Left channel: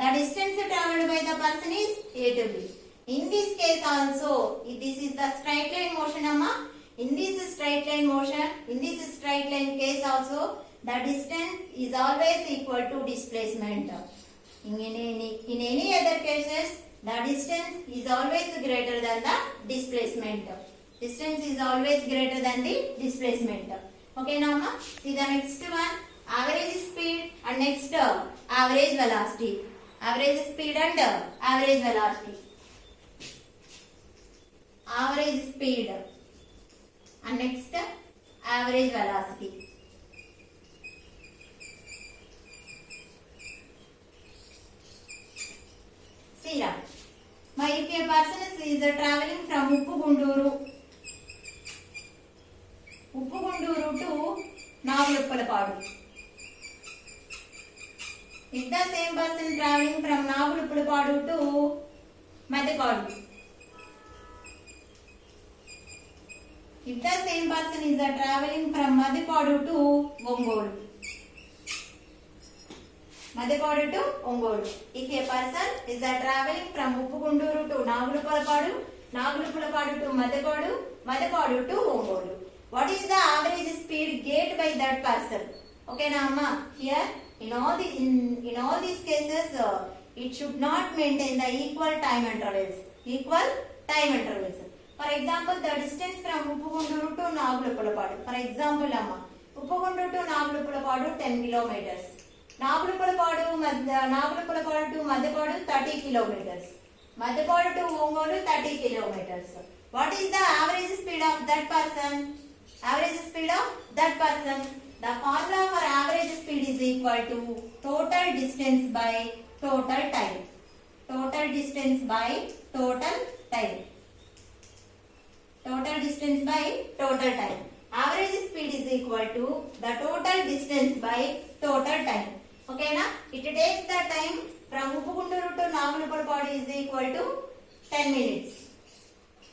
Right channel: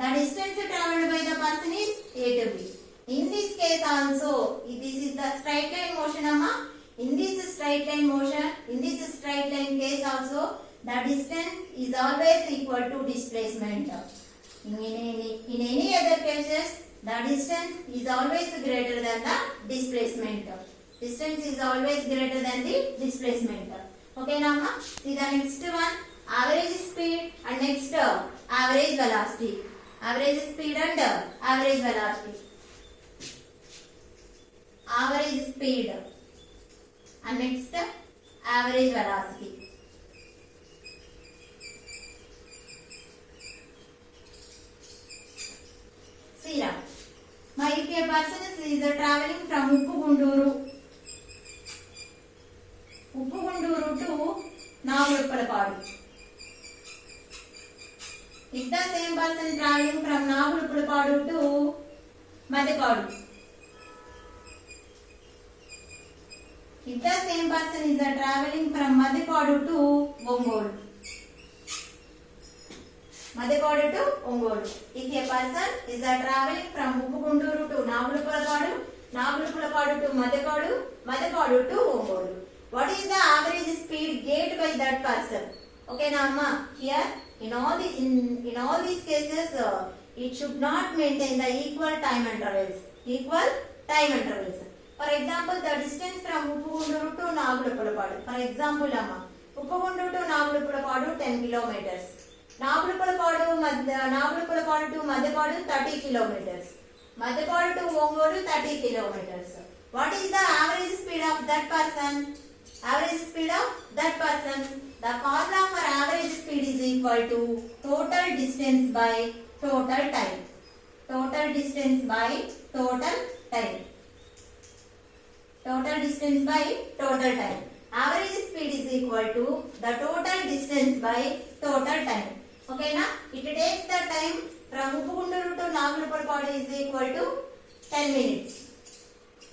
The distance traveled by the person is A to B. In this case also, this is the straight line motion, amma. In this straight line motion, in this straight line case also, the distance is always equal to displacement. In any other cases, the distance is always greater than the displacement. Distance is always greater than the displacement. Okay, now ma? See the next one, average speed and next average velocity. Average speed and average velocity. Average speed and next average velocity. See now, if a person is traveling from Uppugunduru to Nagulupalapadu. If the same person traveling from Nagulupalapadu to Madhepadu. If the same person is traveling from Madhepadu to Ongolu. Madhepadu to Ongolu. If a person is traveling from Uppugunduru to Nagulupalapadu, Nagulupalapadu to Madhepadu, Madhepadu to Ongolu. What is the average speed gained by that person? Okay, now amma, here in all these cases, it should not maintain the equal time intervals. For example, the distance from Uppugunduru to Nagulupalapadu. For example, amma, Uppugunduru to Nagulupalapadu 10 kilometers. Nagulupalapadu to Madhepadu 30 kilometers. Madhepadu to Ongolu 30 kilometers. What is the average speed of that person? Average speed of that person. The formula for average speed is equal to total distance by total time. Total distance by total time. Total distance by total time. Average speed is equal to the total distance by total time. Okay, na? It takes the time from Uppugunduru to Nagulupalapadu is equal to 10 minutes.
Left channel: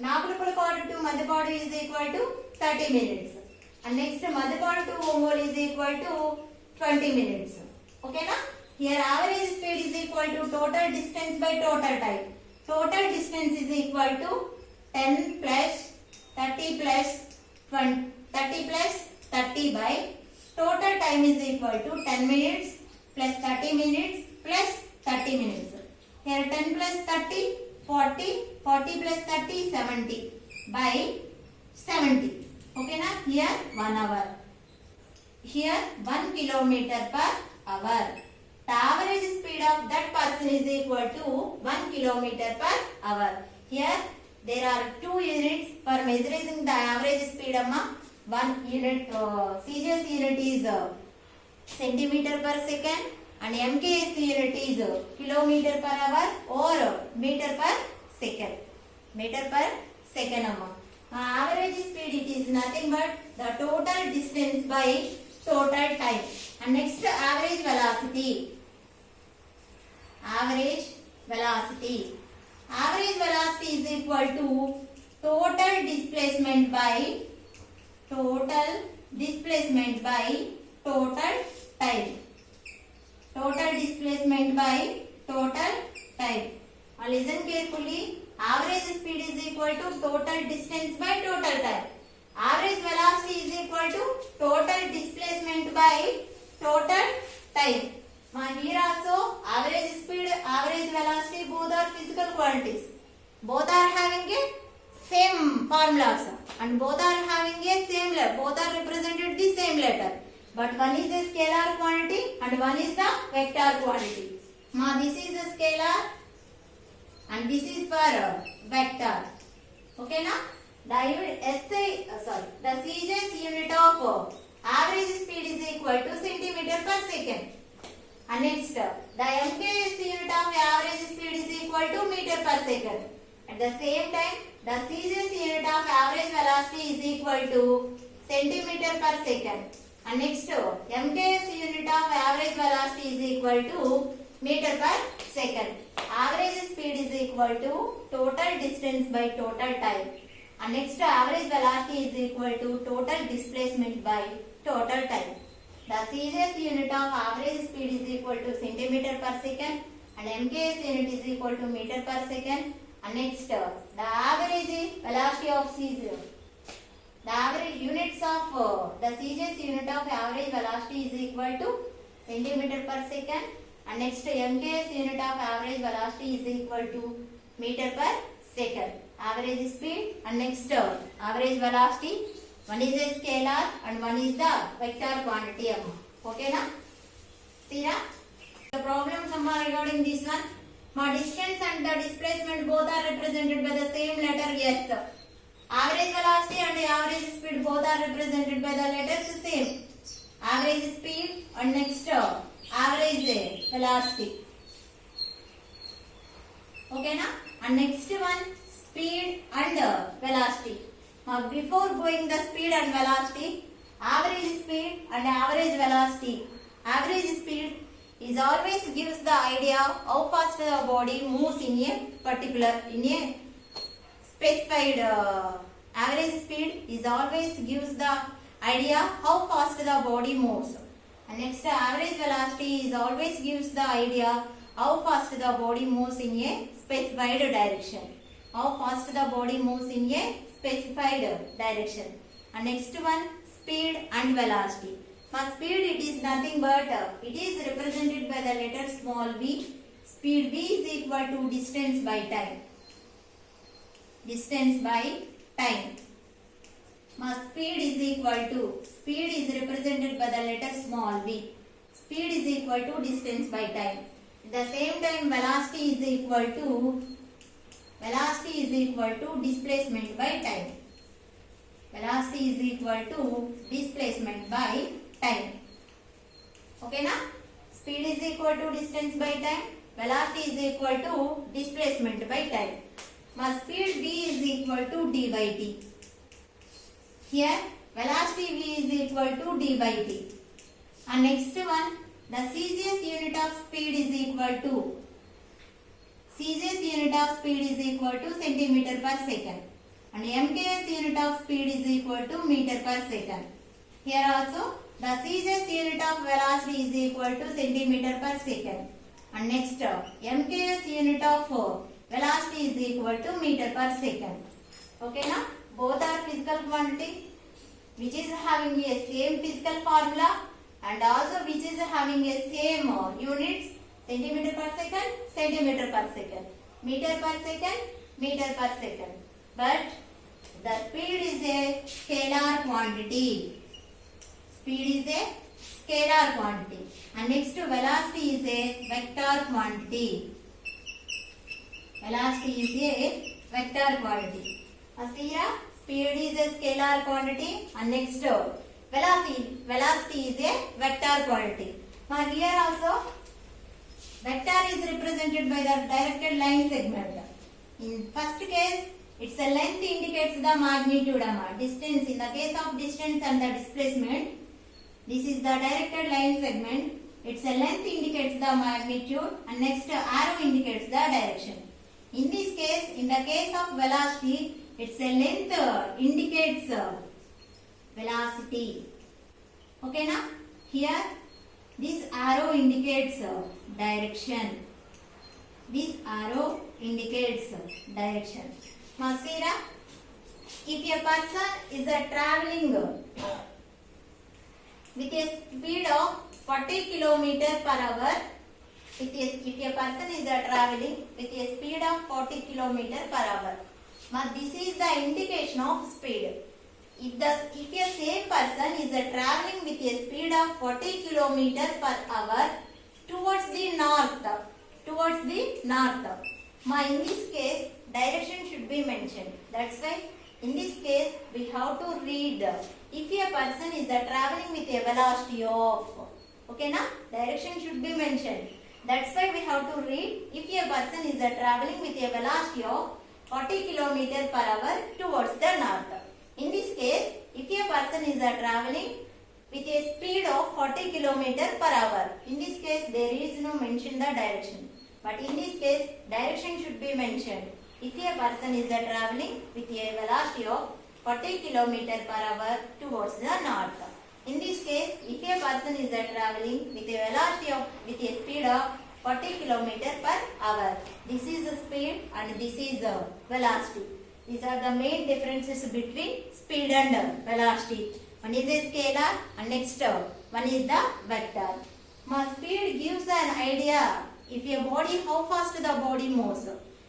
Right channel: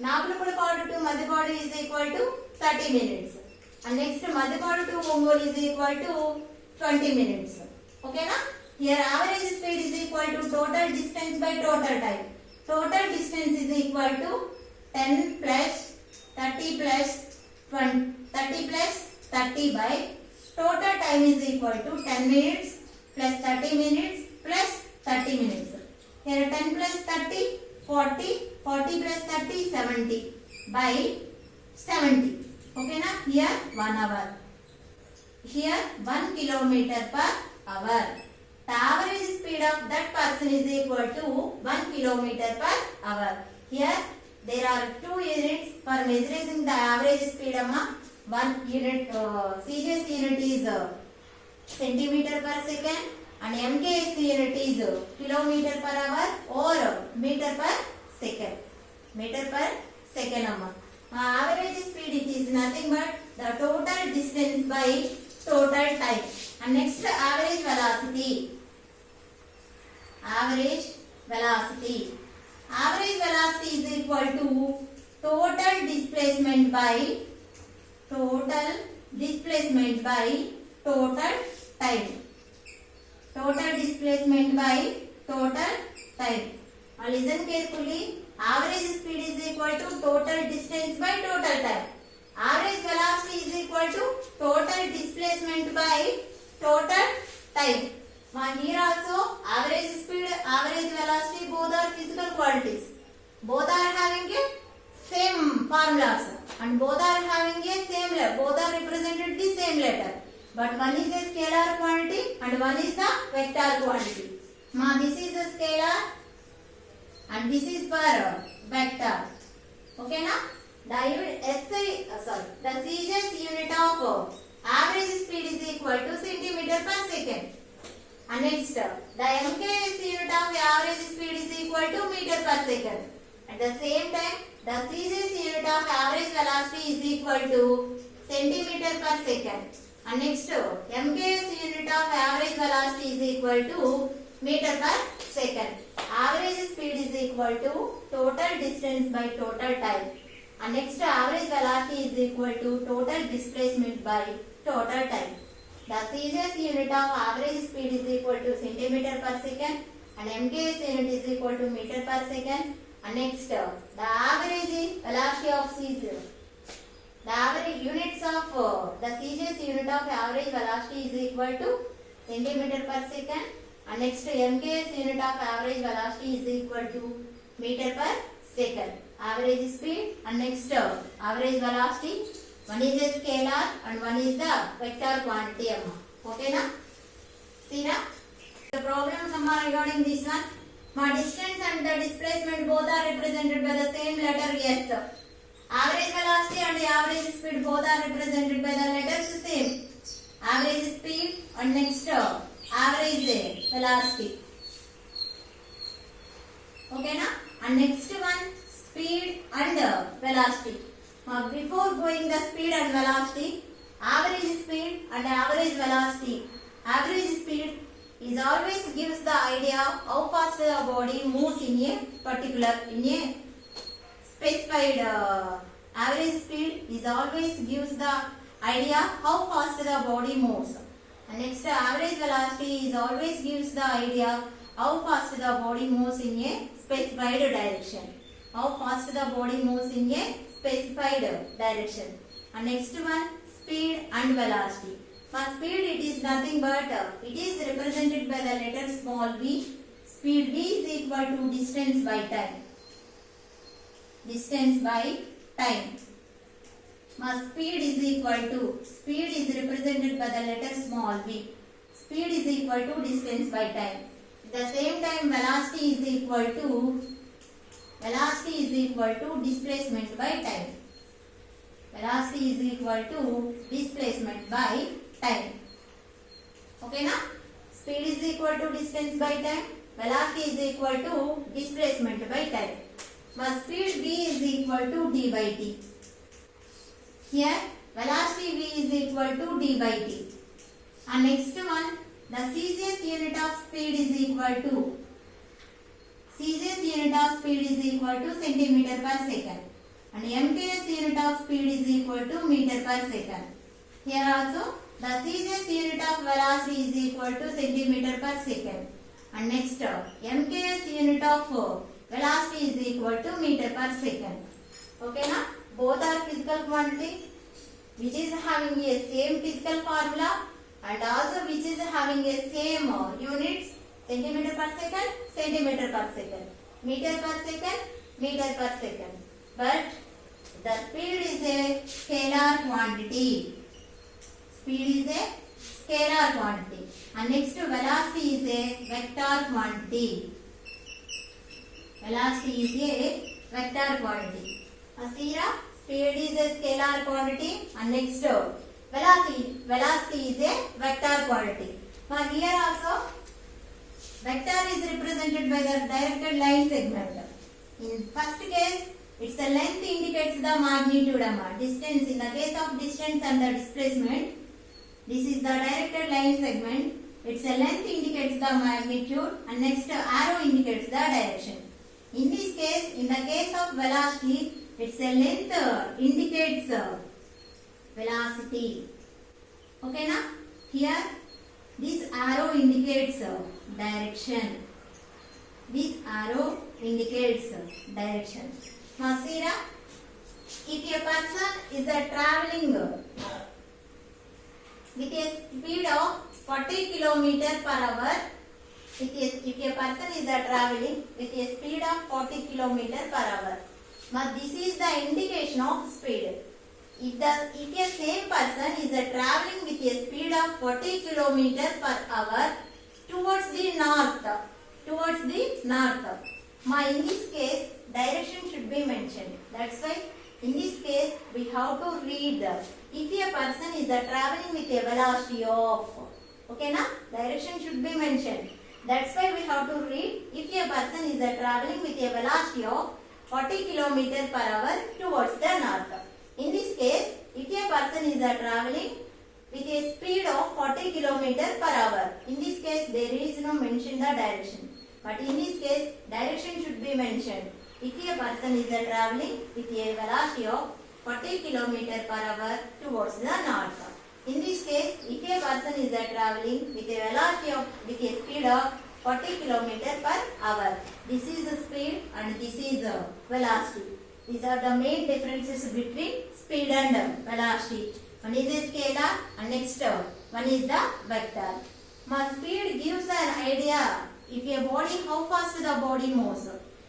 Nagulupalapadu to Madhepadu is equal to 30 minutes. And next Madhepadu to Ongolu is equal to 20 minutes. Okay, na? Here average speed is equal to total distance by total time. Total distance is equal to 10 plus 30 plus 20, 30 plus 30 by total time is equal to 10 minutes plus 30 minutes plus 30 minutes. Here 10 plus 30, 40, 40 plus 30, 70 by 70. Okay, na? Here 1 hour. Here 1 kilometer per hour. The average speed of that person is equal to 1 kilometer per hour. Here there are 2 units for measuring the average speed. One unit, CGS unit is centimeter per second and MKS unit is kilometer per hour or meter per second. Meter per second. Average speed it is nothing but the total distance by total time. And next average velocity. Average velocity. Average velocity is equal to total displacement by total time. Total displacement by total time. Now listen carefully. Average speed is equal to total distance by total time. Average velocity is equal to total displacement by total time. Now here also average speed, average velocity both are physical quantities. Both are having a same formulas and both are having a same letter. Both are represented the same letter. But one is a scalar quantity and one is the vector quantity. Now this is a scalar and this is for vector. Okay, now the CGS unit of average speed is equal to centimeter per second. And next, the MKS unit of average speed is equal to meter per second. At the same time, the CGS unit of average velocity is equal to centimeter per second. And next, MKS unit of average velocity is equal to meter per second. Average speed is equal to total distance by total time. And next, average velocity is equal to total displacement by total time. The CGS unit of average speed is equal to centimeter per second and MKS unit is equal to meter per second. And next, the average velocity of CGS. The average units of the CGS unit of average velocity is equal to centimeter per second. And next, MKS unit of average velocity is equal to meter per second. Average speed and next average velocity. One is a scalar and one is the vector quantity. Okay na? See na? The problems regarding this one. My distance and the displacement both are represented by the same letter S. Average velocity and average speed both are represented by the letters same. Average speed and next average velocity. Okay na? And next one, speed and velocity. Now before going the speed and velocity, average speed and average velocity. Average speed is always gives the idea how fast the body moves in a particular, in a specified average speed is always gives the idea how fast the body moves. And next, average velocity is always gives the idea how fast the body moves in a specified direction. How fast the body moves in a specified direction. And next one, speed and velocity. For speed, it is nothing but it is represented by the letter small v. Speed v is equal to distance by time. Distance by time. Speed is equal to, speed is represented by the letter small v. Speed is equal to distance by time. At the same time, velocity is equal to displacement by time. Velocity is equal to displacement by time. Okay na? Speed is equal to distance by time. Velocity is equal to displacement by time. Speed v is equal to d by t. Here velocity v is equal to d by t. And next one, the CGS unit of speed is equal to centimeter per second. And MKS unit of speed is equal to meter per second. Here also the CGS unit of velocity is equal to centimeter per second. And next, MKS unit of velocity is equal to meter per second. Okay na? Both are physical quantity which is having a same physical formula and also which is having a same units, centimeter per second, centimeter per second, meter per second, meter per second. But the speed is a scalar quantity. Speed is a scalar quantity. And next, velocity is a vector quantity. Velocity is a vector quantity. See here, speed is a scalar quantity and next velocity is a vector quantity. Now here also vector is represented by the directed line segment. In first case, its length indicates the magnitude distance. In the case of distance and the displacement, this is the directed line segment. Its length indicates the magnitude and next arrow indicates the direction. In this case, in the case of velocity, its length indicates velocity. Okay na? Here this arrow indicates direction. This arrow indicates direction. Now see na? If a person is traveling with a speed of 40 km per hour, if a person is traveling with a speed of 40 km per hour, now this is the indication of speed. If a same person is traveling with a speed of 40 km per hour towards the north, now in this case direction should be mentioned. That's why in this case we have to read if a person is traveling with a velocity of, okay na, direction should be mentioned. That's why we have to read if a person is traveling with a velocity of 40 km per hour towards the north. In this case, if a person is traveling with a speed of 40 km per hour, in this case there is no mention the direction. But in this case, direction should be mentioned. If a person is traveling with a velocity of 40 km per hour towards the north. In this case, if a person is traveling with a velocity of, with a speed of 40 kilometer per hour. This is the speed and this is the velocity. These are the main differences between speed and velocity. One is a scalar and next one is the vector. My speed gives an idea if a body how fast the body moves.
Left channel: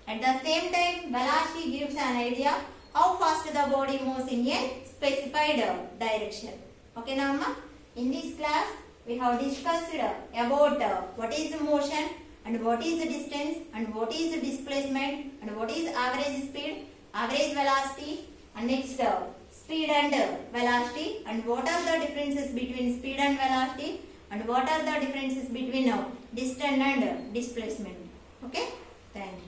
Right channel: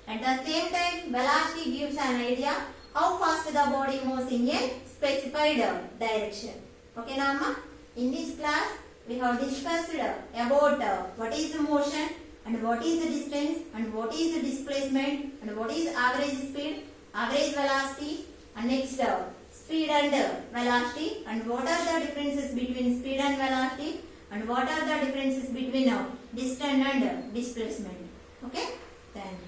At the same time, velocity gives an idea how fast the body moves in a specified direction. Okay, Nama? In this class, we have discussed about what is motion and what is the distance and what is the displacement and what is average speed, average velocity, and next speed and velocity, and what are the differences between speed and velocity, and what are the differences between distance and displacement. Okay, thank you.